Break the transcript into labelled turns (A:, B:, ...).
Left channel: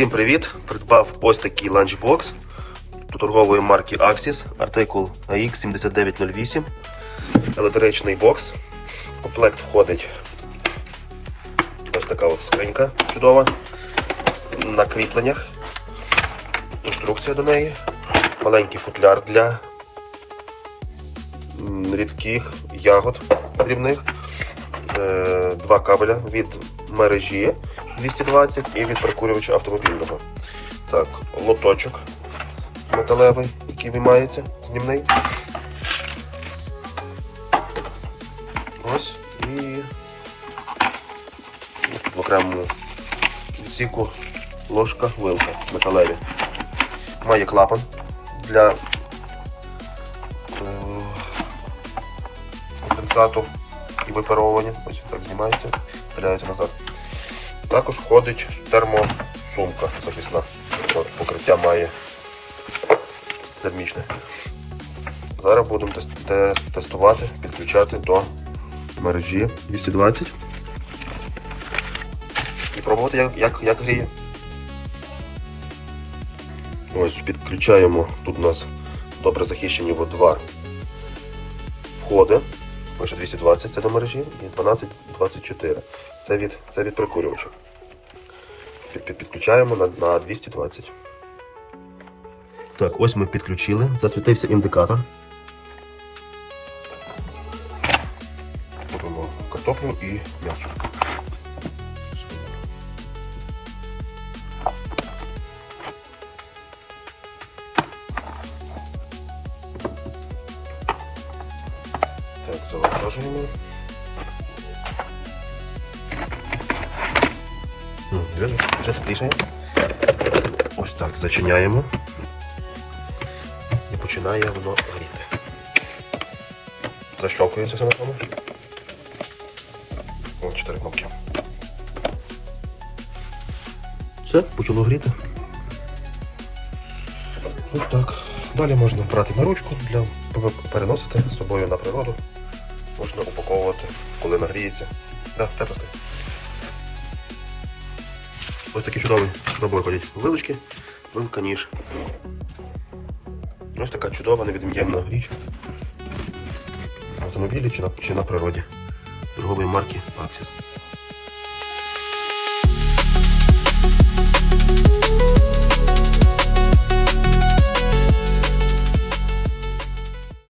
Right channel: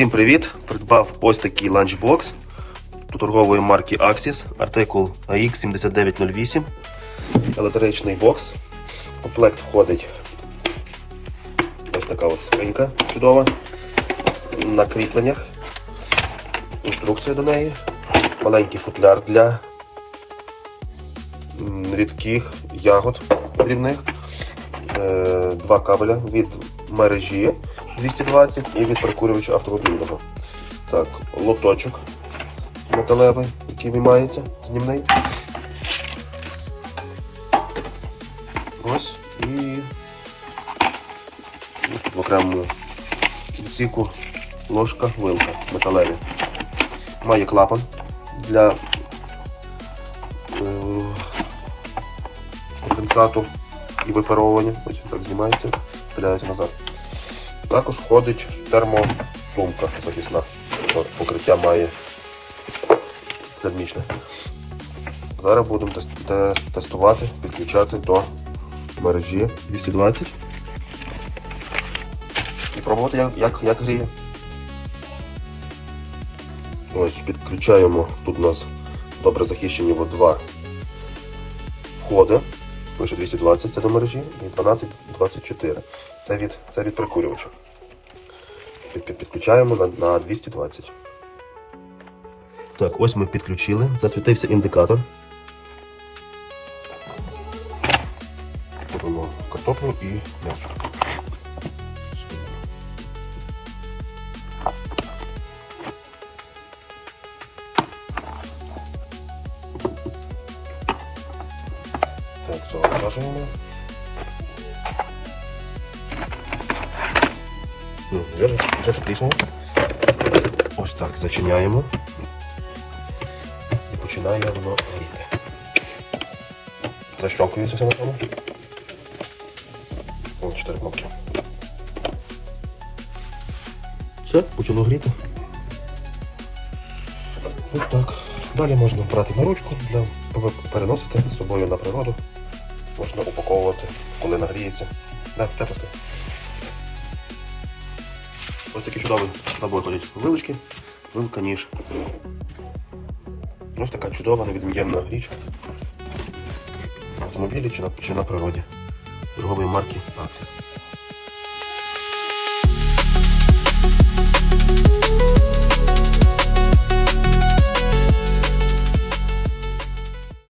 A: Всім привіт! Придбав ось такий ланчбокс торгової марки Axis, артикул AX7908, електричний бокс. В комплект входить ось така от скринька чудова на кріпленнях, інструкція до неї, маленький футляр для рідких ягод дрібних, е, два кабеля від мережі 220 і від прокурювача автомобільного. Так, лоточок металевий, який виймається, знімний. Ось і ось тут окремо кінцівку ложка вилка металеві. Має клапан для е, конденсату і випаровування. Ось так знімається, вставляється назад. Також входить термосумка захисна. От, покриття має термічне. Зараз будемо тес- тес- тестувати, підключати до мережі 220 і пробувати, як, як, як гріє. Ось, підключаємо. Тут у нас добре захищені два входи. Пише 220 це до мережі і 1224. Це від, це від прикурювача. Під, під, підключаємо на, на 220. Так, ось ми підключили. Засвітився індикатор. Беремо картоплю і м'ясо. М, Вже, вже підключено. Ось так зачиняємо. І починає воно горіти. Защелкується все на тому. Ось чотири кнопки. Все, почало гріти. Ось так. Далі можна брати на ручку для переносити з собою на природу. Можна упаковувати, коли нагріється. Да. Ось такі чудові горіть. Вилочки, вилка, ніж. Ось така чудова, невід'ємна річ. В автомобілі чи на, чи на природі. Торгової марки Axis.